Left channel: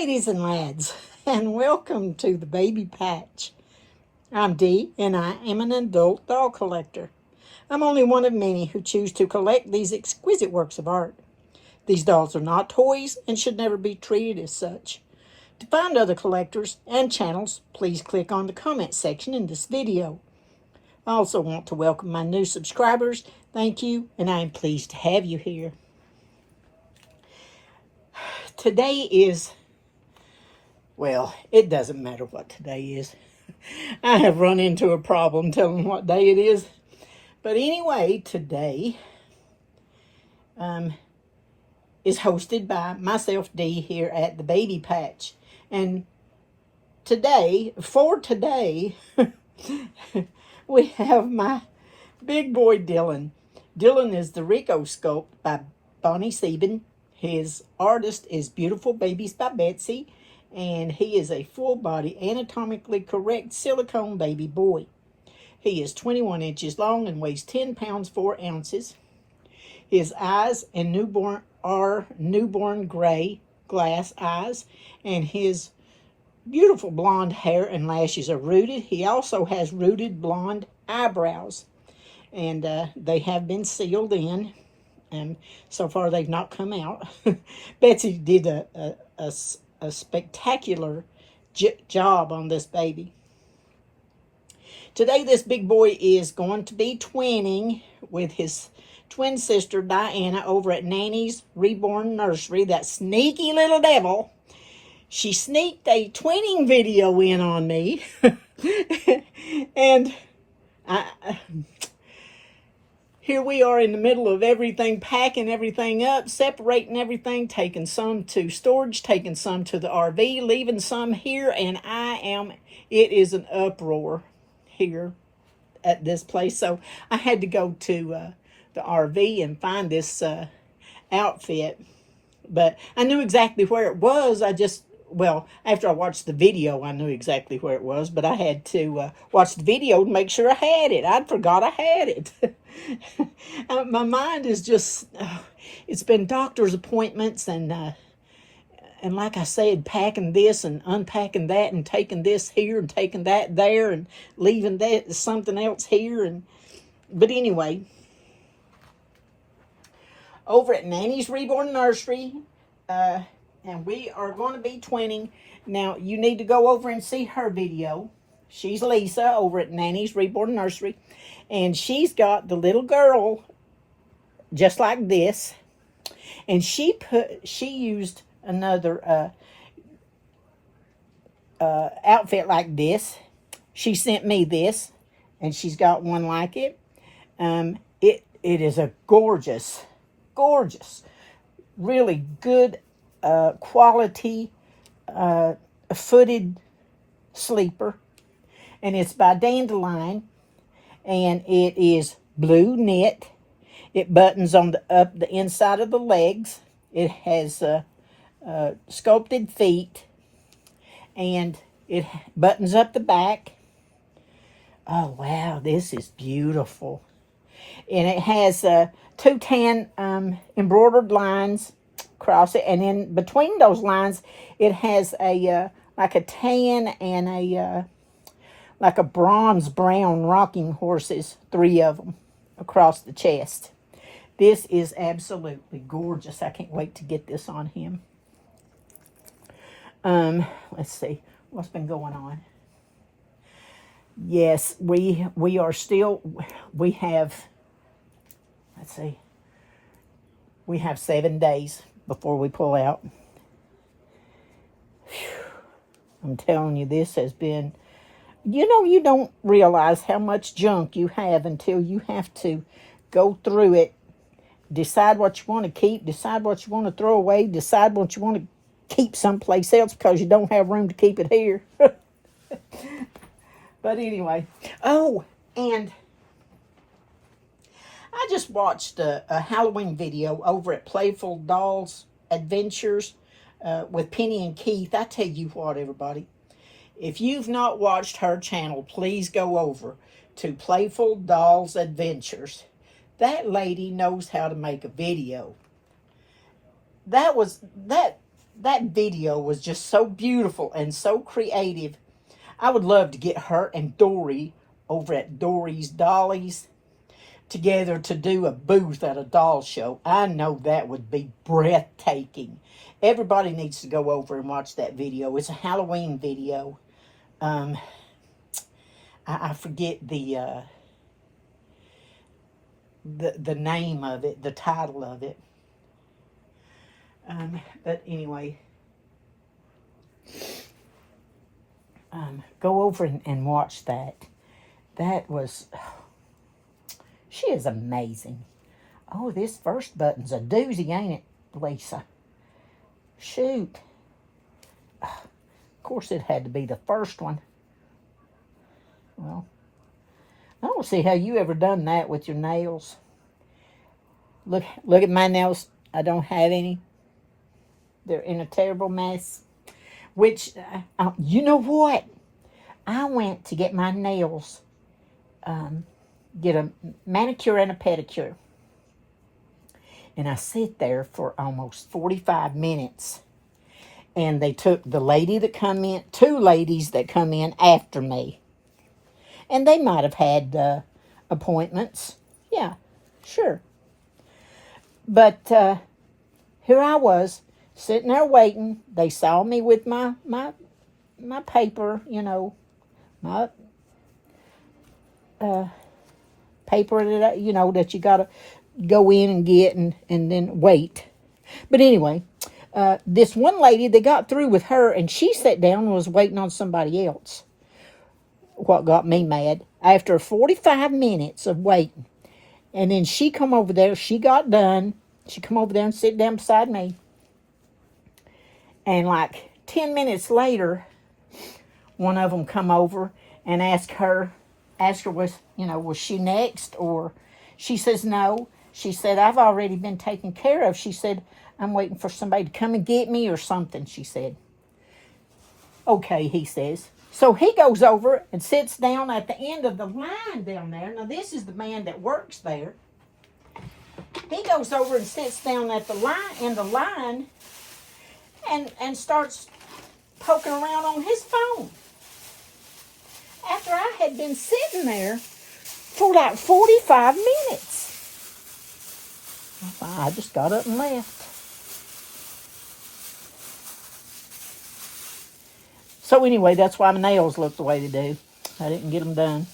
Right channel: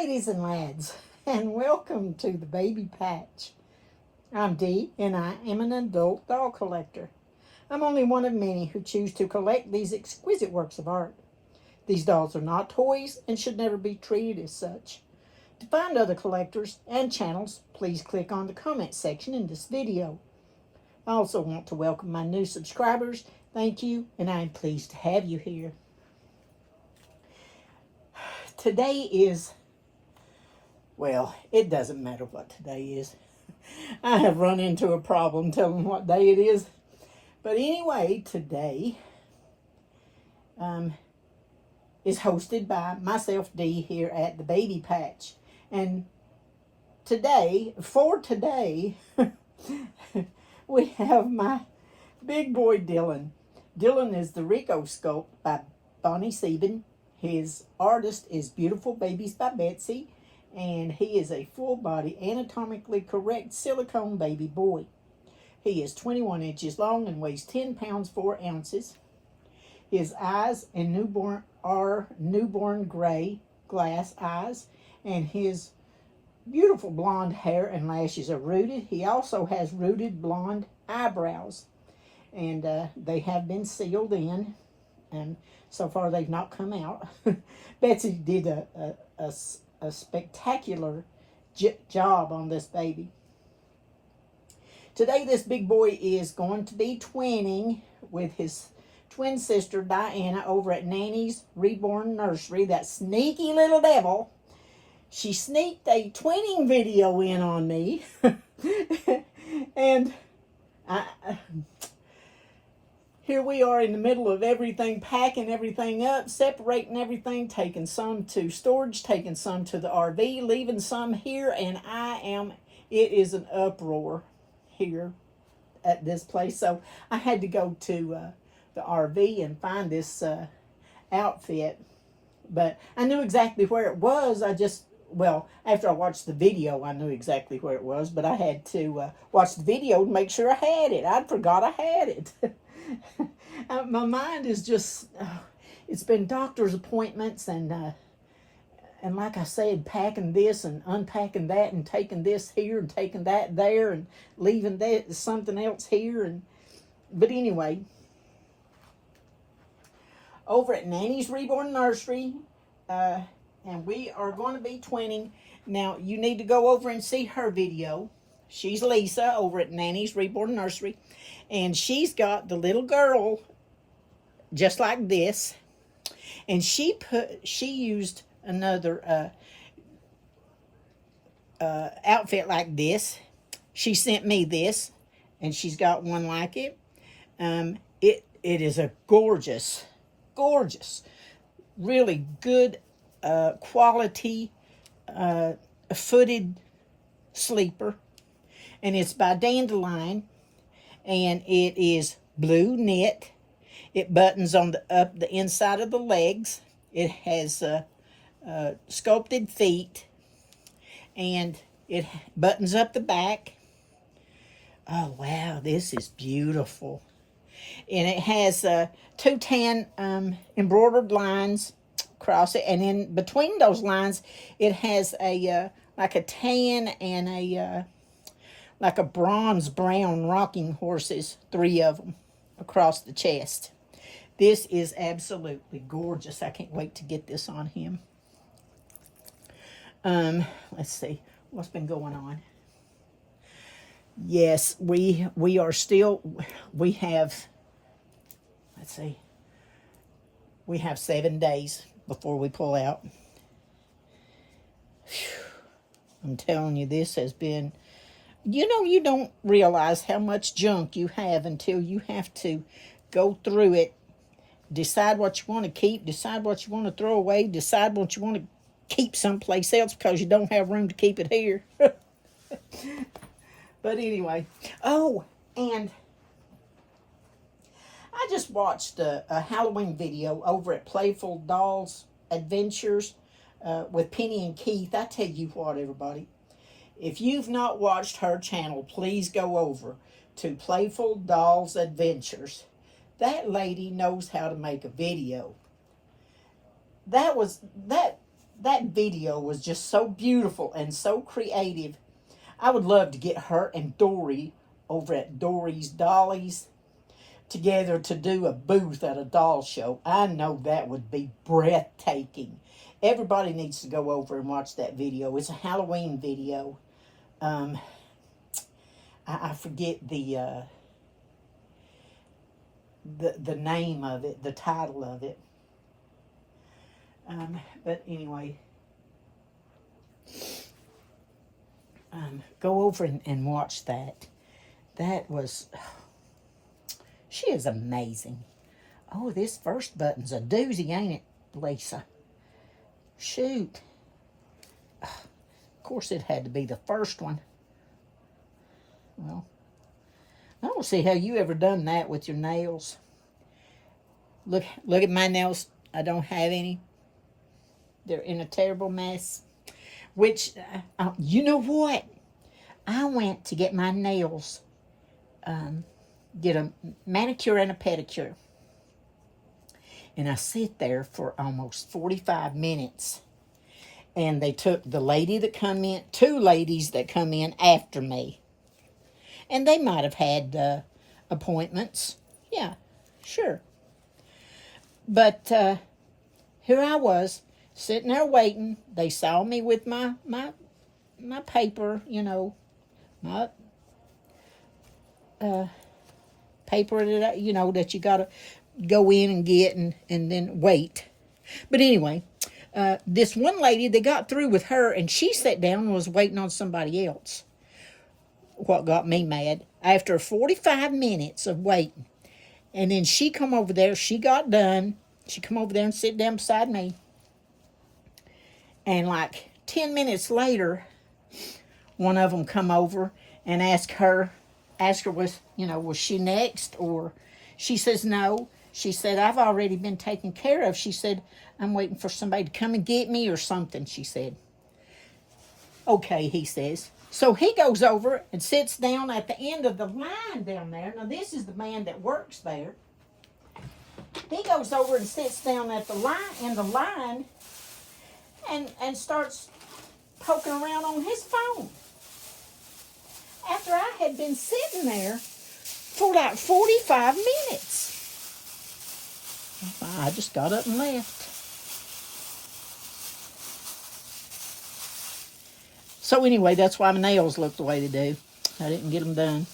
ladies and lads, and welcome to the Baby Patch. I'm Dee, and I am an adult doll collector. I'm only one of many who choose to collect these exquisite works of art. These dolls are not toys and should never be treated as such. To find other collectors and channels, please click on the comment section in this video. I also want to welcome my new subscribers. Thank you, and I am pleased to have you here. Today is, well, it doesn't matter what today is. I have run into a problem telling what day it is. But anyway, today is hosted by myself, Dee, here at the Baby Patch. And today, we have my big boy Dylan. Dylan is the Rico sculpt by Bonnie Sieben. His artist is Beautiful Babies by Betsy, and he is a full-body, anatomically correct silicone baby boy. He is 21 inches long and weighs 10 pounds 4 ounces. His eyes and are newborn gray glass eyes, and his beautiful blonde hair and lashes are rooted. He also has rooted blonde eyebrows, and they have been sealed in. And so far they've not come out. Betsy did a spectacular job on this baby. Today this big boy is going to be twinning with his twin sister Diana over at Nanny's Reborn Nursery. That sneaky little devil. She sneaked a twinning video in on me. And here we are in the middle of everything, packing everything up, separating everything, taking some to storage, taking some to the RV, leaving some here, and it is an uproar here at this place. So I had to go to the RV and find this outfit. But I knew exactly where it was. After I watched the video, I knew exactly where it was, but I had to watch the video to make sure I had it. I forgot I had it. My mind is just, it's been doctor's appointments and like I said, packing this and unpacking that and taking this here and taking that there and leaving that something else here. But anyway, over at Nanny's Reborn Nursery, and we are going to be twinning. Now, you need to go over and see her video. She's Lisa over at Nanny's Reborn Nursery. And she's got the little girl just like this. And she used another outfit like this. She sent me this. And she's got one like it. It is a gorgeous, really good quality footed sleeper, and it's by Dandelion, and it is blue knit. It buttons on the inside of the legs. It has sculpted feet, and it buttons up the back. Oh wow, this is beautiful. And it has two tan embroidered lines across it, and in between those lines it has a like a tan and a like a bronze brown rocking horses, 3 of them across the chest. This is absolutely gorgeous. I can't wait to get this on him. Let's see what's been going on. Yes, we have, let's see, we have 7 days before we pull out. Whew. I'm telling you, this has been, you don't realize how much junk you have until you have to go through it, decide what you want to keep, decide what you want to throw away, decide what you want to keep someplace else because you don't have room to keep it here. But anyway, oh, and I just watched a Halloween video over at Playful Dolls Adventures with Penny&Keith. I tell you what, everybody, if you've not watched her channel, please go over to Playful Dolls Adventures. That lady knows how to make a video. That that video was just so beautiful and so creative. I would love to get her and Dorie over at DoriesDollies together to do a booth at a doll show. I know that would be breathtaking. Everybody needs to go over and watch that video. It's a Halloween video. I forget the name of it, the title of it. But anyway, go over and watch that. That was, she is amazing. Oh, this first button's a doozy, ain't it, Lisa? Shoot. Of course, it had to be the first one. Well, I don't see how you ever done that with your nails. Look at my nails. I don't have any. They're in a terrible mess. Which, you know what? I went to get my nails, get a manicure and a pedicure. And I sit there for almost 45 minutes. And they took the lady that come in, two ladies that come in after me. And they might have had appointments. Yeah, sure. But here I was, sitting there waiting. They saw me with my paper, you know, my paper that, you know, that you got to go in and get and then wait. But anyway, this one lady, they got through with her, and she sat down and was waiting on somebody else. What got me mad, after 45 minutes of waiting, and then she come over there, she got done, she come over there and sit down beside me, and like 10 minutes later, one of them come over and asked her was she next, or she says no. She said, I've already been taken care of. She said, I'm waiting for somebody to come and get me or something, she said. Okay, he says. So he goes over and sits down at the end of the line down there. Now, this is the man that works there. He goes over and sits down at the line, and starts poking around on his phone. After I had been sitting there for like 45 minutes. I just got up and left. So anyway, that's why my nails look the way they do. I didn't get them done.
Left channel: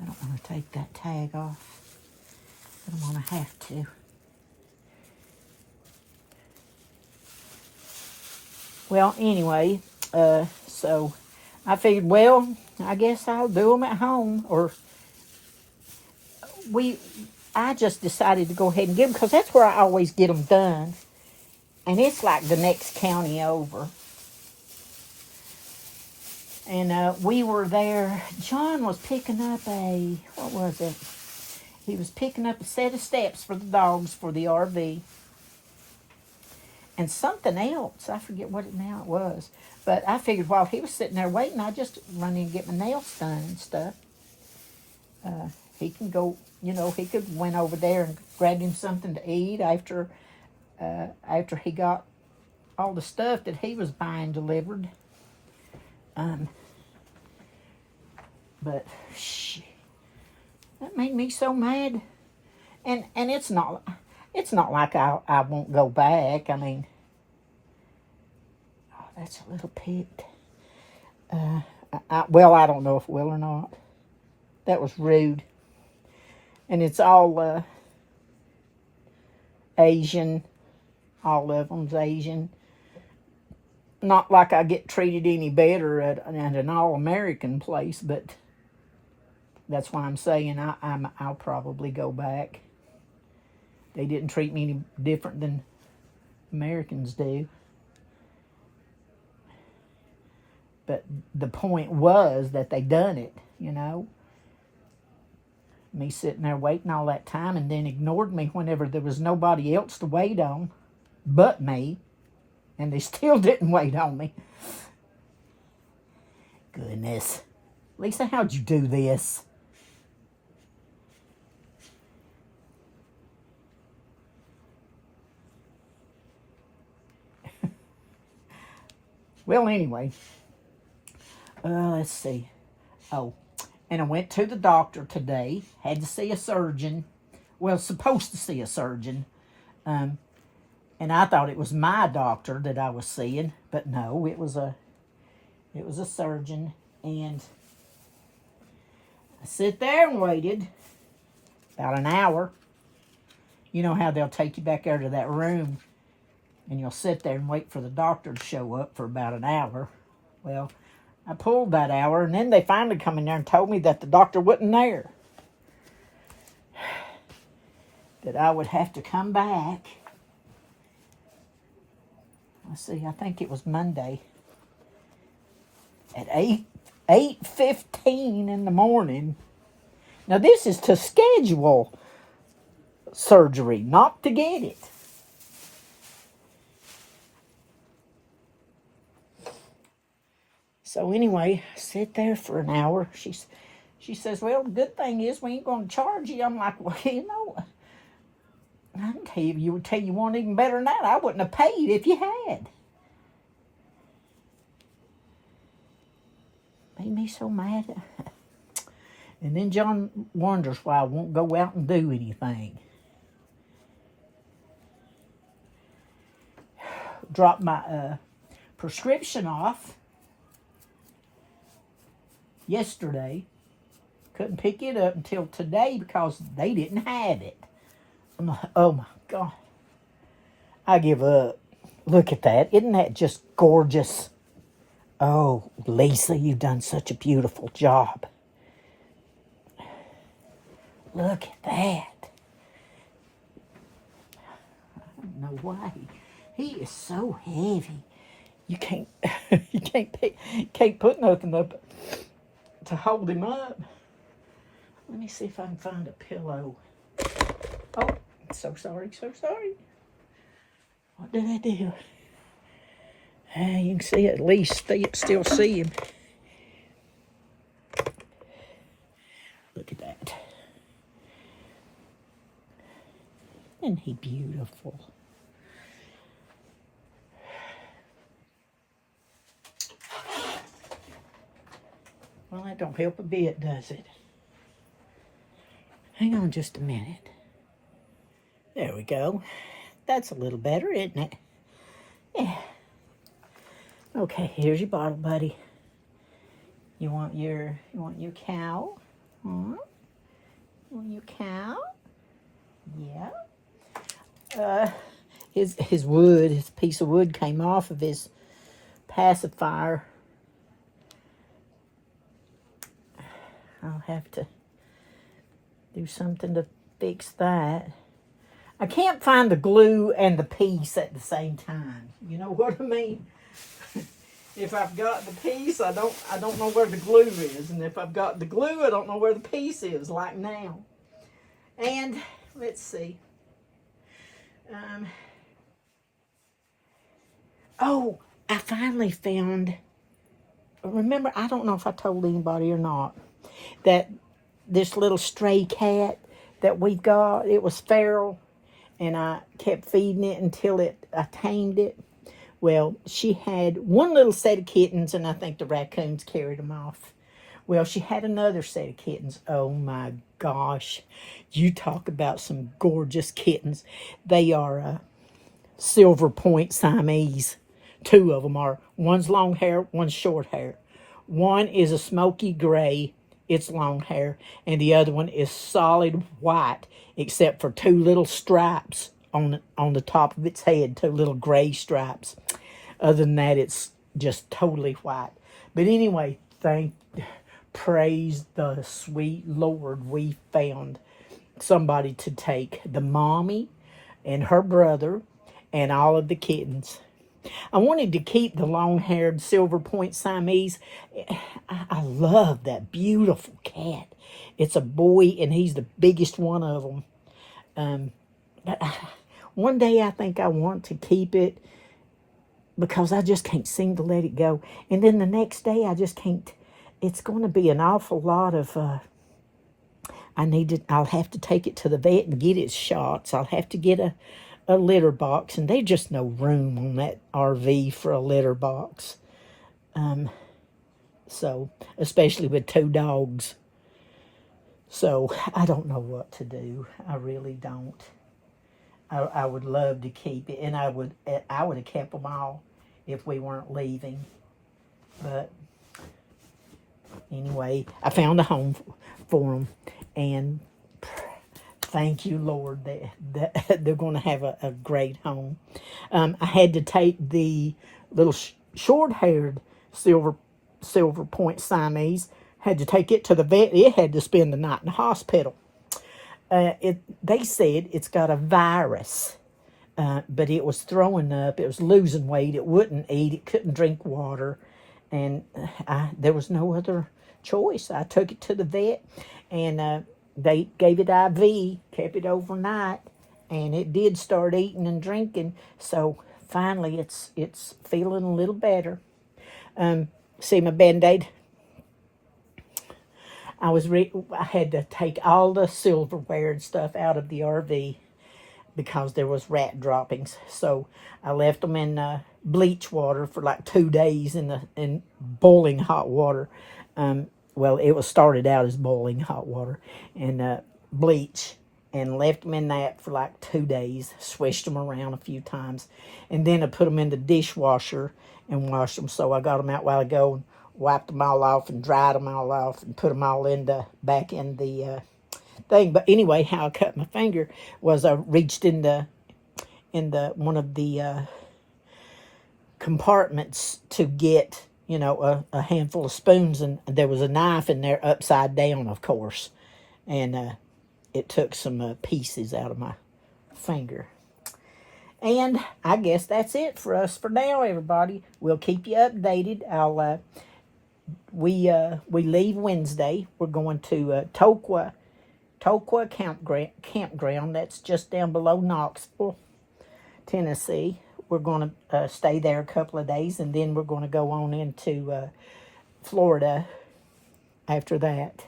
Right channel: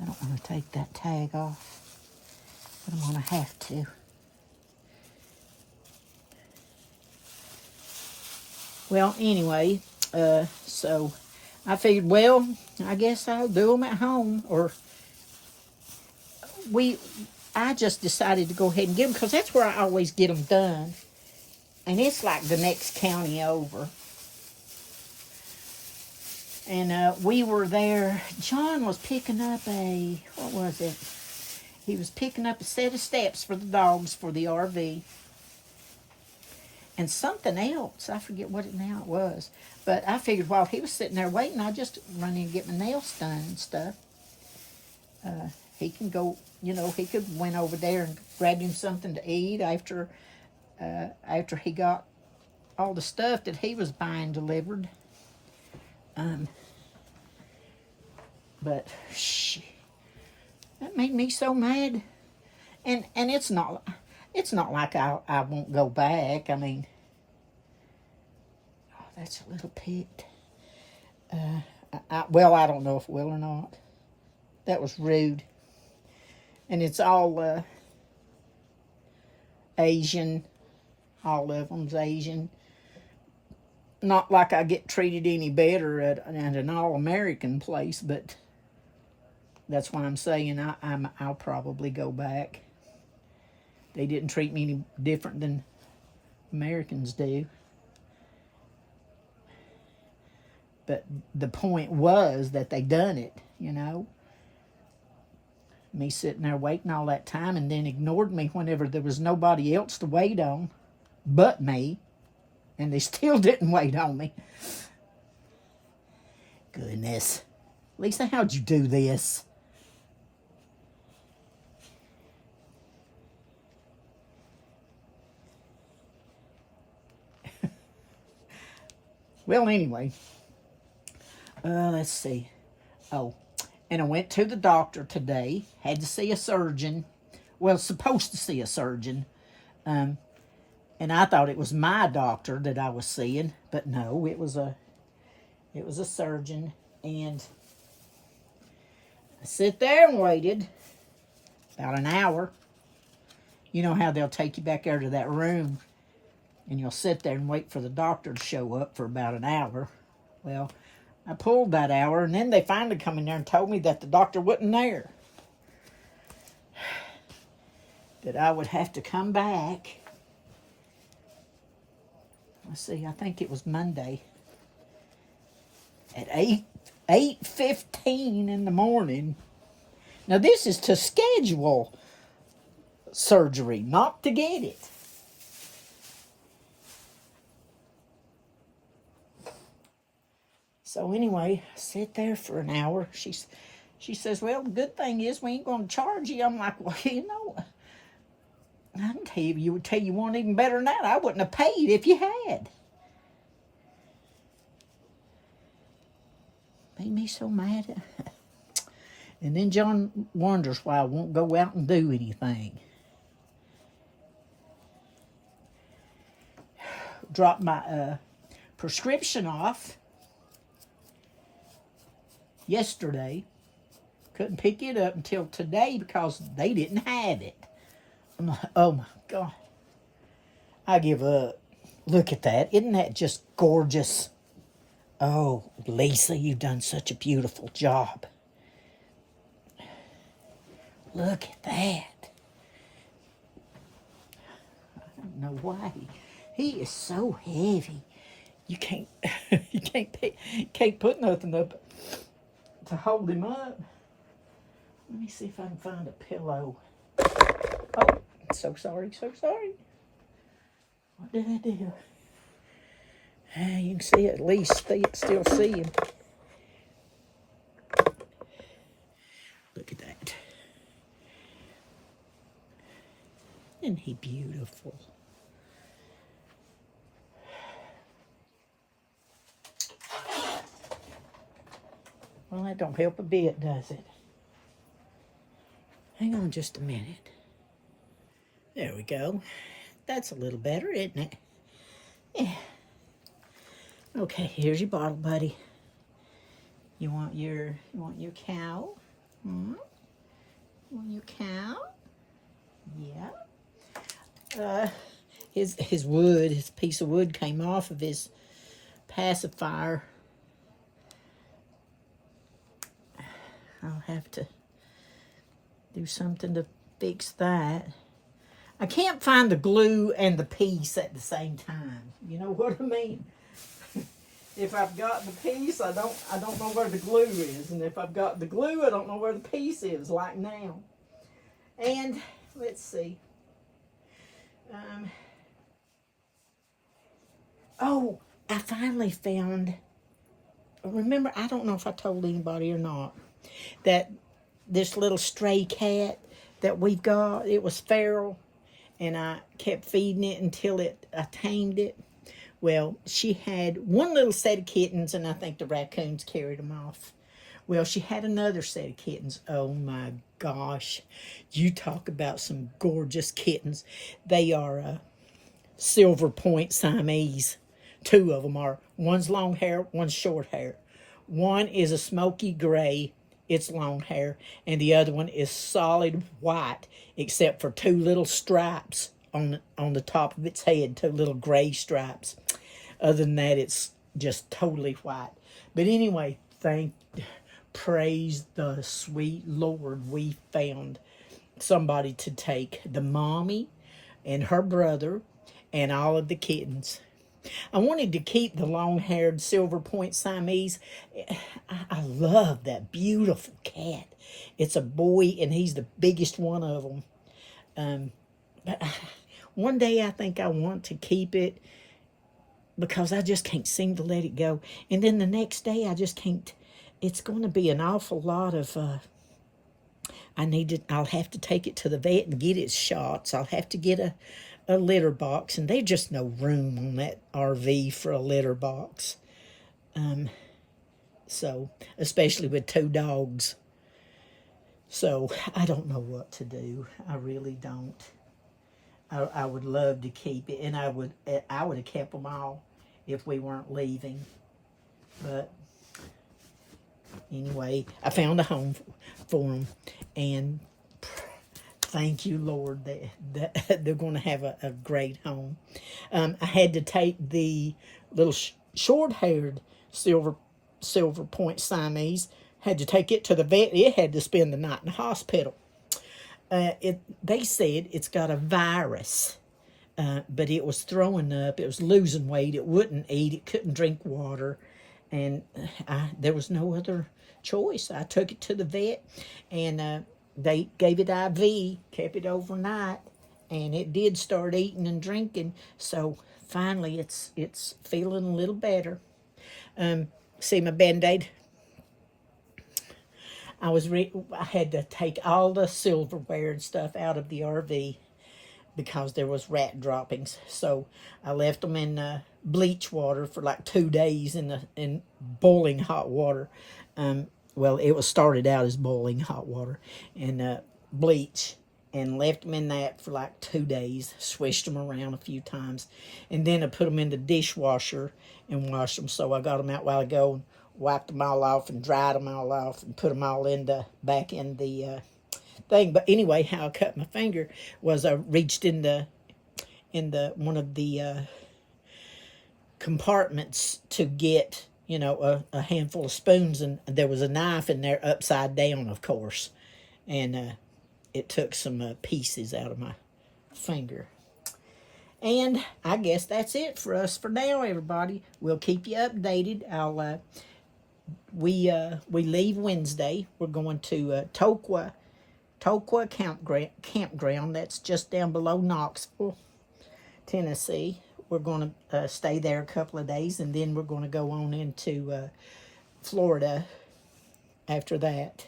I don't want to take that tag off. I don't want to have to. Well, anyway, so I figured, well, I guess I'll do them at home. Or I just decided to go ahead and get them because that's where I always get them done. And it's like the next county over. And we were there. John was picking up what was it? He was picking up a set of steps for the dogs for the RV. And something else. I forget what it now it was. But I figured while he was sitting there waiting, I'd just run in and get my nails done and stuff. He can go, he could went over there and grabbed him something to eat after he got all the stuff that he was buying delivered. But that made me so mad. And it's not like I won't go back. I mean, oh, that's a little picked. I don't know if it will or not. That was rude. And it's all Asian. All of them's Asian. Not like I get treated any better at an all-American place, but that's why I'm saying I'll probably go back. They didn't treat me any different than Americans do. But the point was that they done it, Me sitting there waiting all that time and then ignored me whenever there was nobody else to wait on but me. And they still didn't wait on me. Goodness. Lisa, how'd you do this? Well, anyway, let's see. Oh, and I went to the doctor today. Had to see a surgeon. Well, supposed to see a surgeon. And I thought it was my doctor that I was seeing, but no, it was a surgeon. And I sit there and waited about an hour. You know how they'll take you back there to that room and you'll sit there and wait for the doctor to show up for about an hour. Well, I pulled that hour, and then they finally come in there and told me that the doctor wasn't there. That I would have to come back. Let's see, I think it was Monday at 8:15 in the morning. Now, this is to schedule surgery, not to get it. So anyway, I sit there for an hour. She says, well, the good thing is we ain't going to charge you. I'm like, well, you know, I can tell you would tell you one even better than that. I wouldn't have paid if you had. Made me so mad. And then John wonders why I won't go out and do anything. Dropped my prescription off yesterday. Couldn't pick it up until today because they didn't have it. I'm like, oh my God. I give up. Look at that. Isn't that just gorgeous? Oh, Lisa, you've done such a beautiful job. Look at that. I don't know why. He is so heavy. You can't can't put nothing up to hold him up. Let me see if I can find a pillow. Oh, so sorry. What did I do? You can see at least still see him. Look at that. Isn't he beautiful? Well, that don't help a bit, does it? Hang on just a minute. There we go. That's a little better, isn't it? Yeah. Okay, here's your bottle, buddy. You want your cow? Hmm? You want your cow? Yeah. His piece of wood came off of his pacifier. I'll have to do something to fix that. I can't find the glue and the piece at the same time. You know what I mean? If I've got the piece, I don't know where the glue is. And if I've got the glue, I don't know where the piece is, like now. And let's see. Oh, I finally found, remember, I don't know if I told anybody or not, that this little stray cat that we've got, it was feral, and I kept feeding it until I tamed it. Well, she had one little set of kittens, and I think the raccoons carried them off. Well, she had another set of kittens. Oh my gosh. You talk about some gorgeous kittens. They are silver point Siamese. Two of them are. One's long hair, one's short hair. One is a smoky gray, it's long hair, and the other one is solid white, except for two little stripes on the top of its head, two little gray stripes. Other than that, it's just totally white. But anyway, praise the sweet Lord, we found somebody to take the mommy and her brother and all of the kittens. I wanted to keep the long-haired silver point Siamese. I love that beautiful cat. It's a boy, and he's the biggest one of them. But one day I think I want to keep it because I just can't seem to let it go. And then the next day I just can't. It's going to be an awful lot of, I'll have to take it to the vet and get its shots. I'll have to get a litter box, and there's just no room on that RV for a litter box. So, especially with 2 dogs. So, I don't know what to do. I really don't. I would love to keep it, and I would have kept them all if we weren't leaving. But anyway, I found a home for them, and thank you, Lord, that they're going to have a great home. I had to take the little short-haired silver point Siamese, had to take it to the vet. It had to spend the night in the hospital. They said it's got a virus, but it was throwing up. It was losing weight. It wouldn't eat. It couldn't drink water, and there was no other choice. I took it to the vet, and they gave it IV, kept it overnight, and it did start eating and drinking. So finally, it's feeling a little better. See my Band-Aid? I had to take all the silverware and stuff out of the RV because there was rat droppings. So I left them in bleach water for like 2 days in boiling hot water. Well, it was started out as boiling hot water and bleach, and left them in that for like 2 days. Swished them around a few times, and then I put them in the dishwasher and washed them. So I got them out a while ago and wiped them all off and dried them all off and put them all back in the thing. But anyway, how I cut my finger was I reached in one of the compartments to get, you know, a handful of spoons, and there was a knife in there upside down, of course, and it took some pieces out of my finger. And I guess that's it for us for now, everybody. We'll keep you updated. We leave Wednesday. We're going to Tokwa campground. That's just down below Knoxville, Tennessee. We're going to stay there a couple of days, and then we're going to go on into Florida after that.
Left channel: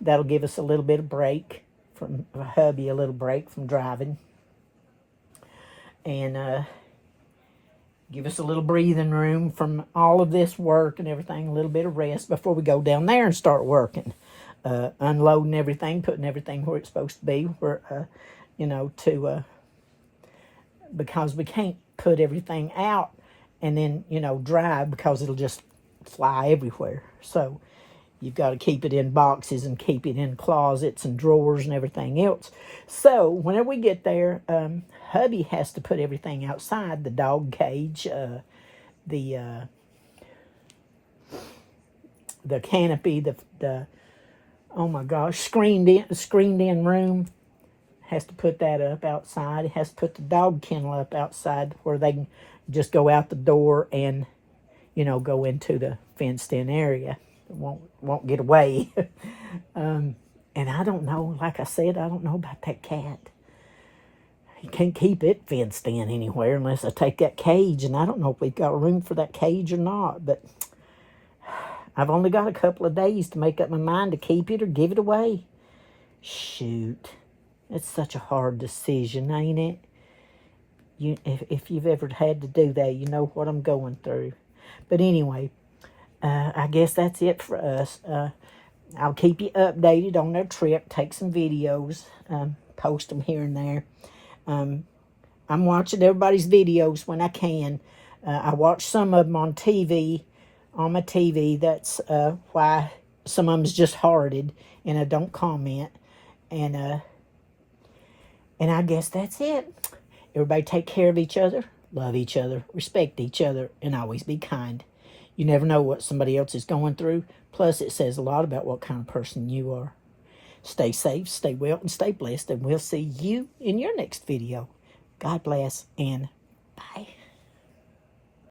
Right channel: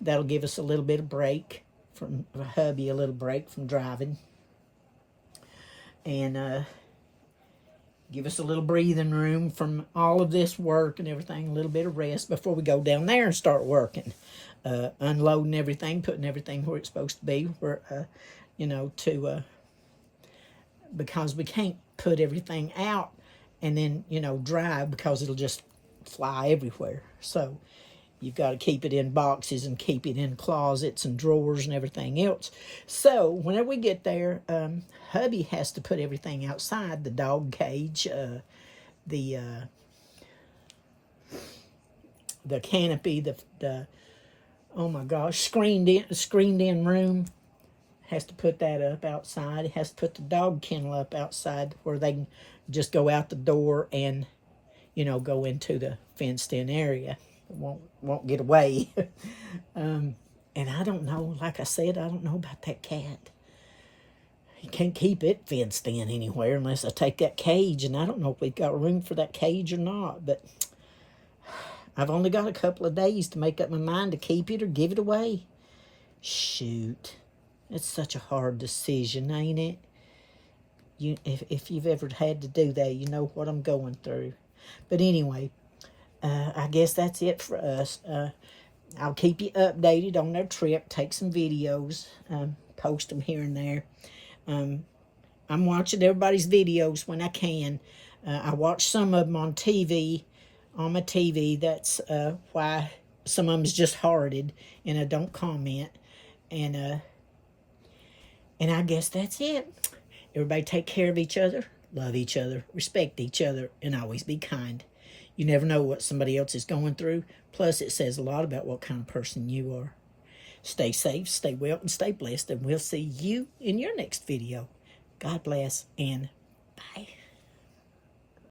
That'll give us a little bit of break from hubby, a little break from driving, and give us a little breathing room from all of this work and everything, a little bit of rest before we go down there and start working, unloading everything, putting everything where it's supposed to be, where, you know, because we can't put everything out and then, you know, drive, because it'll just fly everywhere. So you've got to keep it in boxes and keep it in closets and drawers and everything else. So whenever we get there, hubby has to put everything outside, the dog cage, the canopy, the oh my gosh, screened in room. Has to put that up outside. It has to put the dog kennel up outside where they can just go out the door and, you know, go into the fenced-in area. It won't get away. And I don't know, like I said, I don't know about that cat. You can't keep it fenced in anywhere unless I take that cage, and I don't know if we've got room for that cage or not, but I've only got a couple of days to make up my mind to keep it or give it away. Shoot. It's such a hard decision, ain't it? If you've ever had to do that, you know what I'm going through. But anyway, I guess that's it for us. I'll keep you updated on their trip, take some videos, post them here and there. I'm watching everybody's videos when I can. I watch some of them on TV, on my TV. That's why some of them's just hearted, and I don't comment. And I guess that's it. Everybody take care of each other, love each other, respect each other, and always be kind. You never know what somebody else is going through. Plus, it says a lot about what kind of person you are. Stay safe, stay well, and stay blessed, and we'll see you in your next video. God bless, and bye.